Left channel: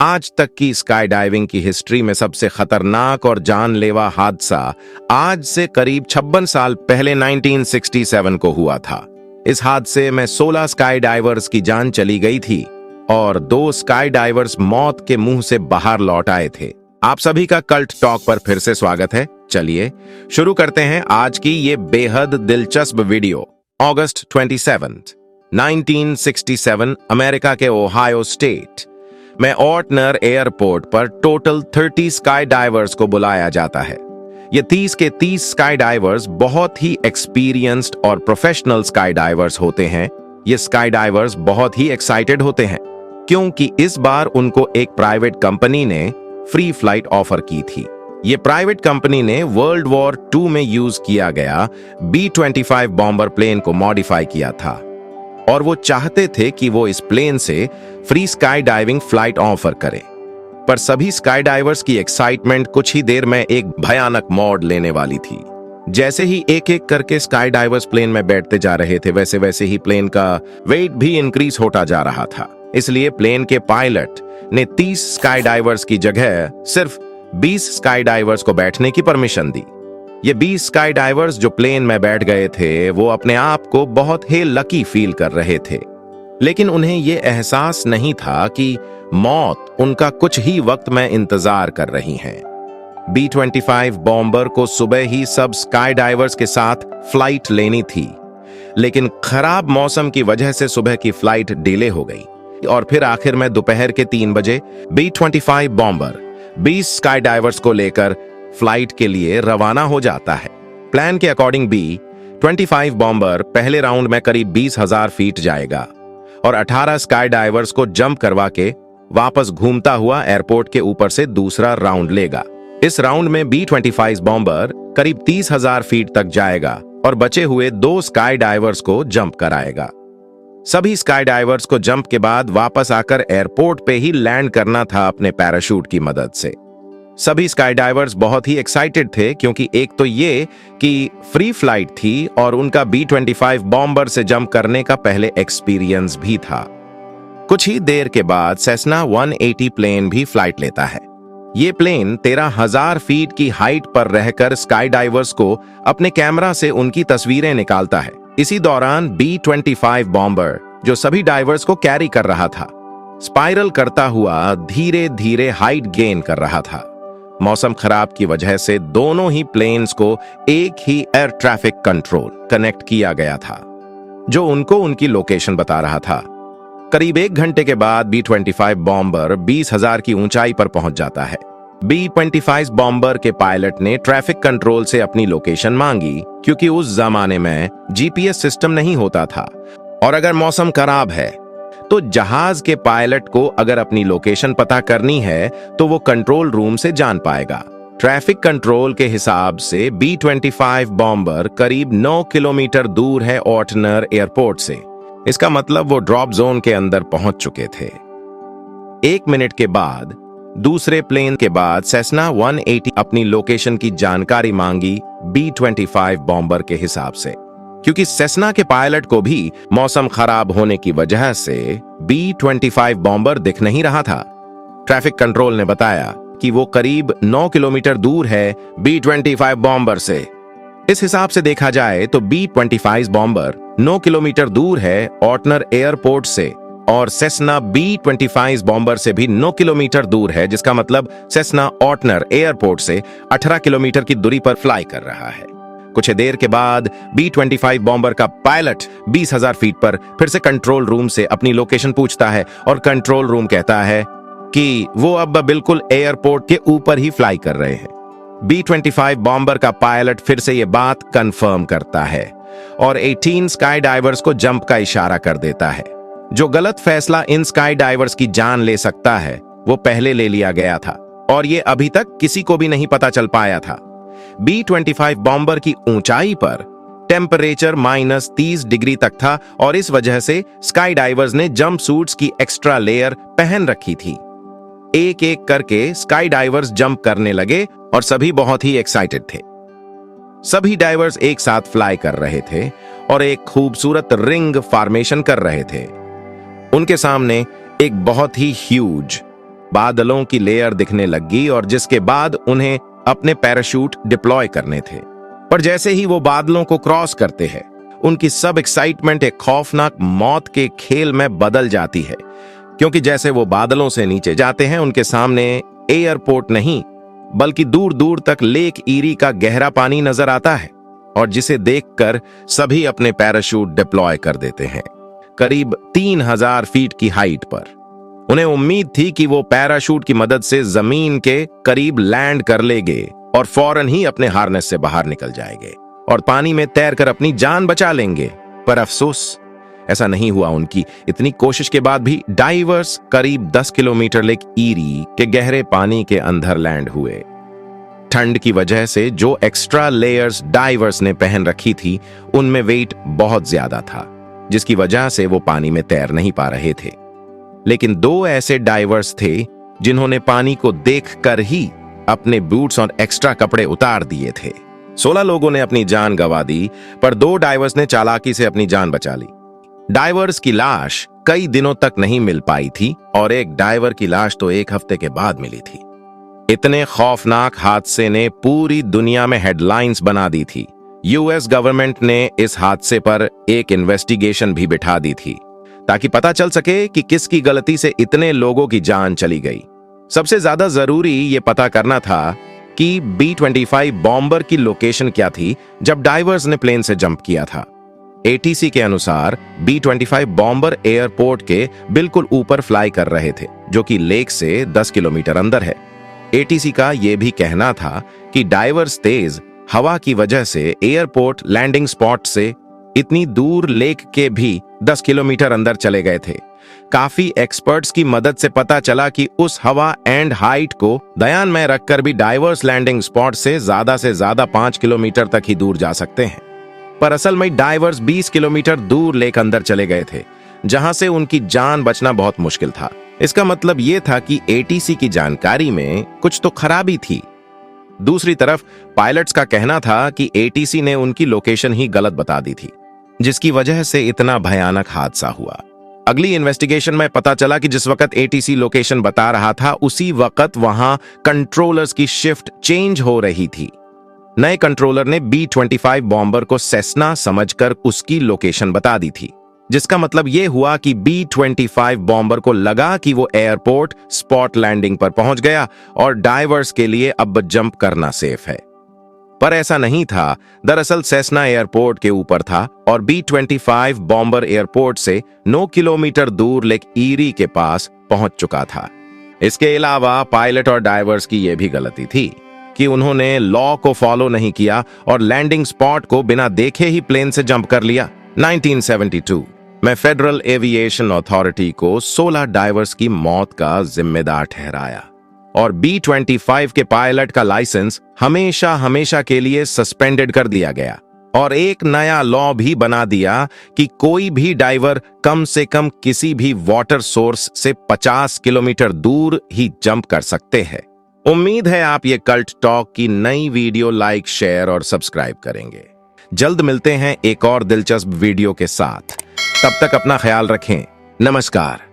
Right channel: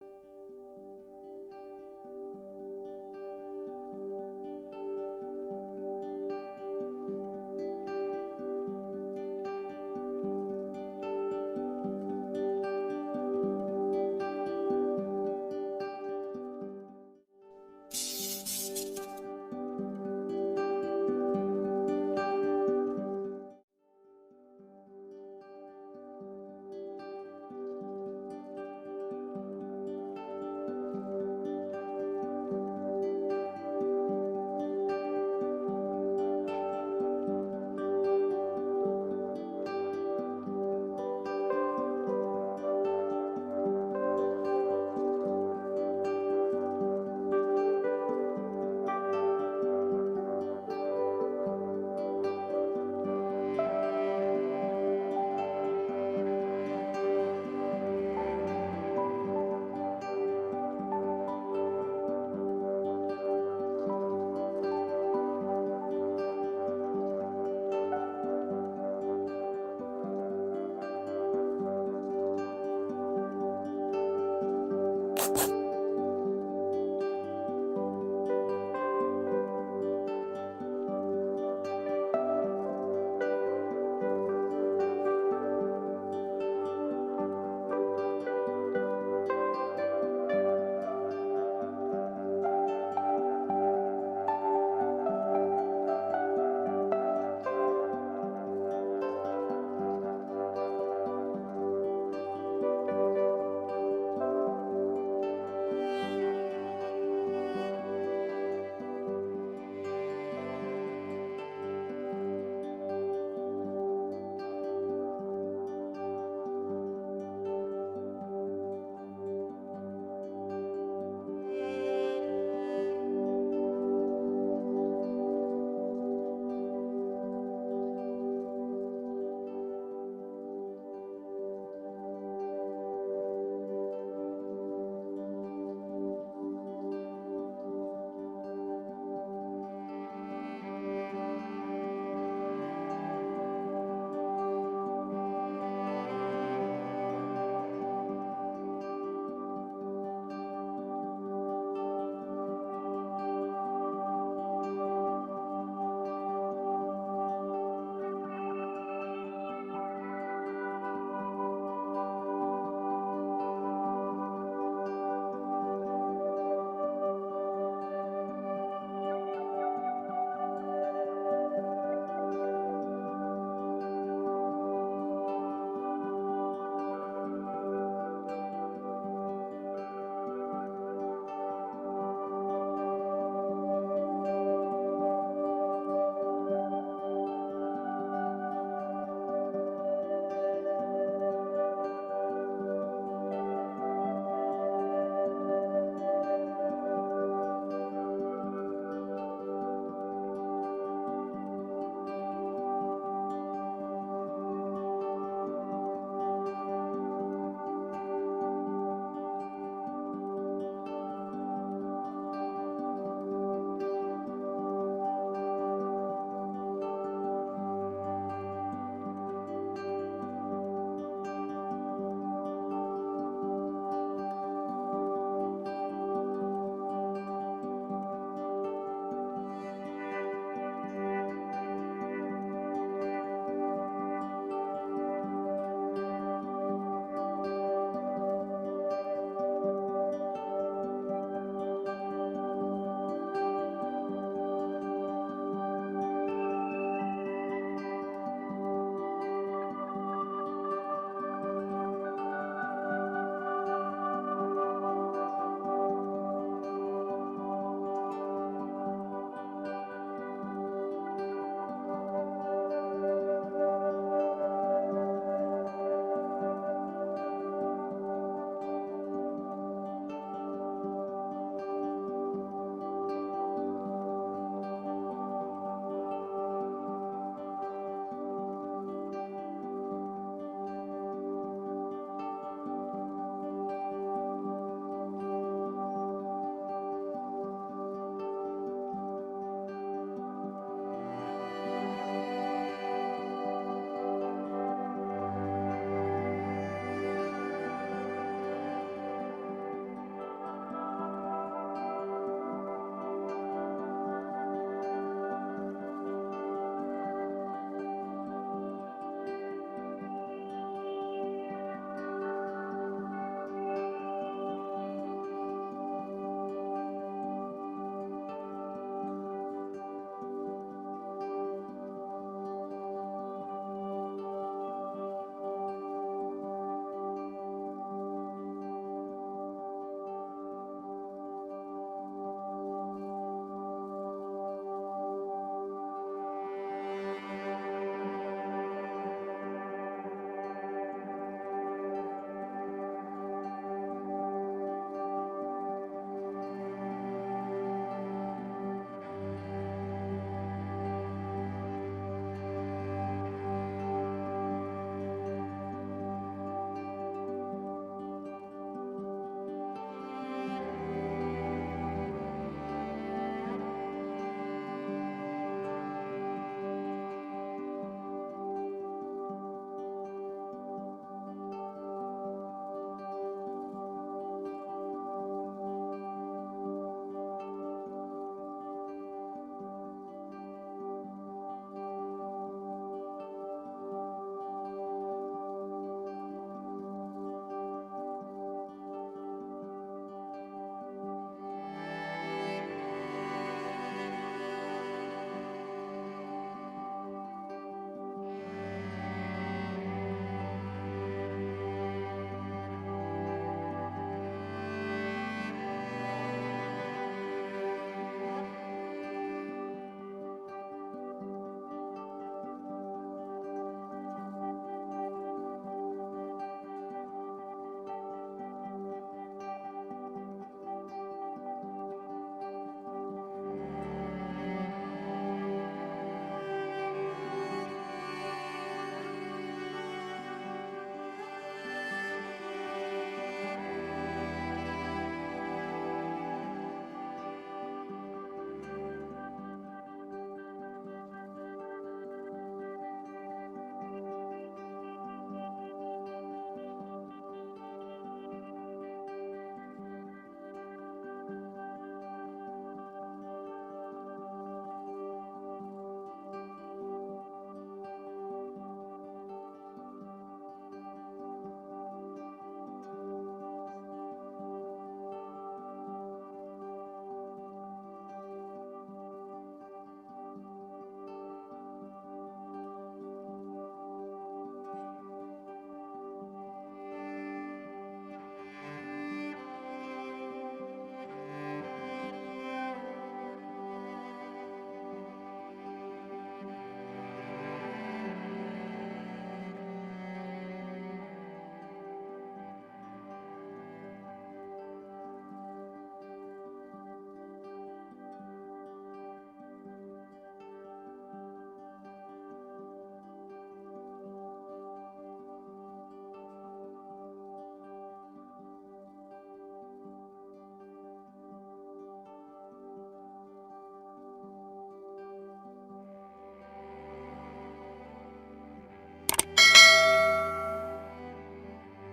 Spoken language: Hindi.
आज तक की स्काई डाइविंग की हिस्ट्री में सबसे खतरनाक और जानलेवा हादसा आज से करीब 56 साल पहले 1967 को हुआ था। इस हादसे में 16 स्काई डाइवर्स की जान चली गई थी और 2 स्काई डाइवर्स मौत के मुंह से बाहर लौट आए थे। आप सभी का कल्ट टॉक पर फिर से स्वागत है। चलिए शुरू करते हैं आज की ये बेहद दिलचस्प वीडियो। अगस्त 27, 1967 अमेरिका के ओहायो स्टेट में ऑर्टनर एयरपोर्ट पर टोटल 30 स्काई डाइवर्स को बुलाया जाता है। ये 30 के 30 स्काई डाइवर्स बहुत ही एक्सपीरियंस्ड और प्रोफेशनल स्काई डाइवर्स होते हैं। ये स्काई डाइवर्स बहुत ही एक्साइटेड होते हैं क्योंकि इस बार उनको एक प्राइवेट कंपनी ने फ्री फ्लाइट ऑफर की थी। ये प्राइवेट कंपनी ने वर्ल्ड वॉर 2 में यूज किया गया B-25 बॉम्बर प्लेन को मॉडिफाई किया था और वो चाहते थे कि वो इस प्लेन से free sky diving flight offer करें। पर सभी स्काई डाइवर्स की एक्साइटमेंट कुछ ही देर में एक भयानक मोड़ लेने वाली थी। जैसे ही एक एक करके स्काई डाइवर्स प्लेन में बैठते जा रहे थे, वैसे वैसे ही प्लेन का वेट भी इंक्रीज होता जा रहा था। इसलिए प्लेन के पायलट ने 30 स्काई डाइवर्स की जगह सिर्फ 20 स्काई डाइवर्स को बैठने की परमिशन दी। ये 20 स्काई डाइवर्स जो प्लेन में बैठ गए थे, वो अपने आप को बहुत ही लकी फील कर रहे थे, लेकिन उन्हें यह एहसास नहीं था कि मौत उनका कुछ ही वक्त में इंतजार कर रही है। B-25 बॉम्बर को सुबह ही सब स्काई डाइवर्स के साथ फ्लाइट लेनी थी, लेकिन खराब मौसम की वजह से सुबह की फ्लाइट डिले हो गई और फिर आखिर में दोपहर के 3 बजे B-25 बॉम्बर 20 स्काई डाइवर्स को लेकर फ्लाइट के लिए रवाना हो जाता है। प्लान के अकॉर्डिंग B-25 बॉम्बर पहले राउंड में करीब 20,000 फीट जाएगा और 18 स्काई डाइवर्स को जंप करवा के वापस घूमता हुआ एयरपोर्ट के ऊपर से दूसरा राउंड लेगा। इस राउंड में B-25 बॉम्बर करीब 30,000 फीट तक जाएगा और बचे हुए 2 स्काई डाइवर्स को जंप कराएगा। सभी स्काई डाइवर्स को जंप के बाद वापस आकर एयरपोर्ट पे ही लैंड करना था अपने पैराशूट की मदद से। सभी स्काई डाइवर्स बहुत ही एक्साइटेड थे क्योंकि एक तो ये कि फ्री फ्लाइट थी और उनका B-25 बॉम्बर से जंप करने का पहले एक्सपीरियंस भी था। कुछ ही देर के बाद सेस्ना 180 प्लेन भी फ्लाइट लेता है। ये प्लेन 13,000 फीट की हाइट पर रहकर स्काई डाइवर्स को अपने कैमरा से उनकी तस्वीरें निकालता है। इसी दौरान B-25 बॉम्बर जो सभी डाइवर्स को कैरी कर रहा था, स्पाइरल करता हुआ धीरे धीरे हाइट गेन कर रहा था। मौसम खराब की वजह से दोनों ही प्लेन्स को एक ही एयर ट्रैफिक कंट्रोल कनेक्ट किया गया था, जो उनको उनकी लोकेशन बता रहा था। करीब 1 घंटे के बाद B-25 बॉम्बर 20,000 की ऊंचाई पर पहुंच जाता है। B-25 बॉम्बर के पायलट ने ट्रैफिक कंट्रोल से अपनी लोकेशन मांगी क्योंकि उस जमाने में GPS सिस्टम नहीं होता था और अगर मौसम खराब है तो जहाज के पायलट को अगर अपनी लोकेशन पता करनी है तो वो कंट्रोल रूम से जान पाएगा। ट्रैफिक कंट्रोल के हिसाब से B-25 बॉम्बर करीब 9 किलोमीटर दूर है ऑर्टनर एयरपोर्ट से। इसका मतलब वो ड्रॉप जोन के अंदर पहुंच चुके थे। 1 मिनट के बाद दूसरे प्लेन के बाद सेस्ना 180 अपनी लोकेशन की जानकारी मांगी B-25 बॉम्बर के हिसाब से, क्योंकि सेस्ना के पायलट को भी मौसम खराब होने की वजह से B-25 बॉम्बर दिख नहीं रहा था। ट्रैफिक कंट्रोल ने बताया कि वो करीब 9 किलोमीटर दूर है B-25 बॉम्बर से। इस हिसाब से देखा जाए तो B-25 बॉम्बर 9 किलोमीटर दूर है ऑर्टनर एयरपोर्ट से और सेस्ना B-25 बॉम्बर से भी 9 किलोमीटर दूर है, जिसका मतलब सेस्ना ऑर्टनर एयरपोर्ट से 18 किलोमीटर की दूरी पर फ्लाई कर रहा है। कुछ देर के बाद B-25 बॉम्बर का पायलट 20,000 फीट पर फिर से कंट्रोल रूम से अपनी लोकेशन पूछता है और कंट्रोल रूम कहता है कि वो अब बिल्कुल एयरपोर्ट के ऊपर ही फ्लाई कर रहे हैं। B-25 बॉम्बर का पायलट फिर से ये बात कंफर्म करता है और 18 स्काई डाइवर्स को जंप का इशारा कर देता है। जो गलत फैसला इन स्काई डाइवर्स की जान ले सकता है, वो पहले ले लिया गया था और ये अभी तक किसी को भी नहीं पता चल पाया था। B-25 बॉम्बर की ऊंचाई पर टेम्परेचर -30 डिग्री तक था और इस वजह से स्काई डाइवर्स ने जंप सूट्स की एक्स्ट्रा लेयर पहन रखी थी। एक एक करके स्काई डाइवर्स जंप करने लगे और सभी बहुत ही एक्साइटेड थे। सभी डाइवर्स एक साथ फ्लाई कर रहे थे और एक खूबसूरत रिंग फॉर्मेशन कर रहे थे। उनके सामने एक बहुत ही ह्यूज बादलों की लेयर दिखने लगी और जिसके बाद उन्हें अपने पैराशूट डिप्लॉय करने थे। पर जैसे ही वो बादलों को क्रॉस करते हैं, उनकी सब एक्साइटमेंट एक खौफनाक मौत के खेल में बदल जाती है, क्योंकि जैसे वो बादलों से नीचे जाते हैं, उनके सामने एयरपोर्ट नहीं बल्कि दूर दूर तक लेक ईरी का गहरा पानी नजर आता है, और जिसे देखकर सभी अपने पैराशूट डिप्लॉय कर देते हैं, करीब 3000 फीट की हाइट पर। उन्हें उम्मीद थी कि वो पैराशूट की मदद से जमीन के करीब लैंड कर लेंगे और फौरन ही अपने हार्नेस से बाहर निकल जाएंगे और पानी में तैरकर अपनी जान बचा लेंगे। पर अफसोस, ऐसा नहीं हुआ। उनकी इतनी कोशिश के बाद भी डाइवर्स करीब 10 किलोमीटर लेक ईरी के गहरे पानी के अंदर लैंड हुए। ठंड की वजह से जो एक्स्ट्रा लेयर्स डाइवर्स ने पहन रखी थी, उनमें वेट बहुत ज्यादा था, जिसकी वजह से वो पानी में तैर नहीं पा रहे थे। लेकिन 2 ऐसे डाइवर्स थे जिन्होंने पानी को देखकर ही अपने बूट्स और एक्स्ट्रा कपड़े उतार दिए थे। 16 लोगों ने अपनी जान गंवा दी, पर 2 डाइवर्स ने चालाकी से अपनी जान बचा ली। डाइवर्स की लाश कई दिनों तक नहीं मिल पाई थी और एक डाइवर की लाश तो 1 हफ्ते के बाद मिली थी। इतने खौफनाक हादसे ने पूरी दुनिया में हेडलाइंस बना दी थी। यूएस गवर्नमेंट ने इस हादसे पर एक इन्वेस्टिगेशन भी बिठा दी थी, ताकि पता चल सके कि किसकी गलती से इतने लोगों की जान चली गई। सबसे ज्यादा जरूरी ये पता करना था कि B-25 बॉम्बर की लोकेशन क्या थी जब डाइवर्स ने प्लेन से जंप किया था। ATC के अनुसार B-25 बॉम्बर एयरपोर्ट के बिल्कुल ऊपर फ्लाई कर रहे थे, जो कि लेक से 10 किलोमीटर अंदर है। ATC का यह भी कहना था कि डाइवर्स तेज हवा की वजह से एयरपोर्ट लैंडिंग स्पॉट से इतनी दूर लेक के भी 10 किलोमीटर अंदर चले गए थे। काफी एक्सपर्ट्स की मदद से पता चला कि उस हवा एंड हाइट को ध्यान में रखकर भी डाइवर्स लैंडिंग स्पॉट से ज्यादा 5 किलोमीटर तक ही दूर जा सकते हैं। पर असल में डाइवर्स 20 किलोमीटर दूर लेक अंदर चले गए थे, जहां से उनकी जान बचना बहुत मुश्किल था। इसका मतलब यह था कि ATC की जानकारी में कुछ तो खराबी थी। दूसरी तरफ पायलट्स का कहना था कि ATC ने उनकी लोकेशन ही गलत बता दी थी, जिसकी वजह से इतना भयानक हादसा हुआ। अगली इन्वेस्टिगेशन में पता चला कि जिस वक्त ATC लोकेशन बता रहा था, उसी वक्त वहां कंट्रोलर्स की शिफ्ट चेंज हो रही थी। नए कंट्रोलर ने B-25 बॉम्बर को सेस्ना समझकर उसकी लोकेशन बता दी थी, जिसका मतलब यह हुआ कि B-25 बॉम्बर को लगा कि वो एयरपोर्ट स्पॉट लैंडिंग पर पहुंच गया और डाइवर्स के लिए अब जंप करना सेफ है। पर ऐसा नहीं था। दरअसल सेस्ना एयरपोर्ट के ऊपर था और B-25 बॉम्बर एयरपोर्ट से 9 किलोमीटर दूर लेक ईरी के पास पहुंच चुका था। इसके अलावा पायलट और डाइवर्स की यह भी गलती थी कि उन्होंने लॉ को फॉलो नहीं किया और लैंडिंग स्पॉट को बिना देखे ही प्लेन से जंप कर लिया। 1972 में फेडरल एविएशन अथॉरिटी को 16 डाइवर्स की मौत का जिम्मेदार ठहराया और B-25 के पायलट का लाइसेंस हमेशा के लिए सस्पेंडेड कर दिया गया और एक नया लॉ भी बना दिया कि कोई भी डाइवर कम से कम किसी भी वाटर सोर्स से 50 किलोमीटर दूर ही जंप कर सकते हैं। उम्मीद है आप ये कल्ट टॉक की नई वीडियो लाइक, शेयर और सब्सक्राइब करेंगे। जल्द मिलते हैं एक और दिलचस्प वीडियो के साथ। तब तक अपना ख्याल रखें। नमस्कार।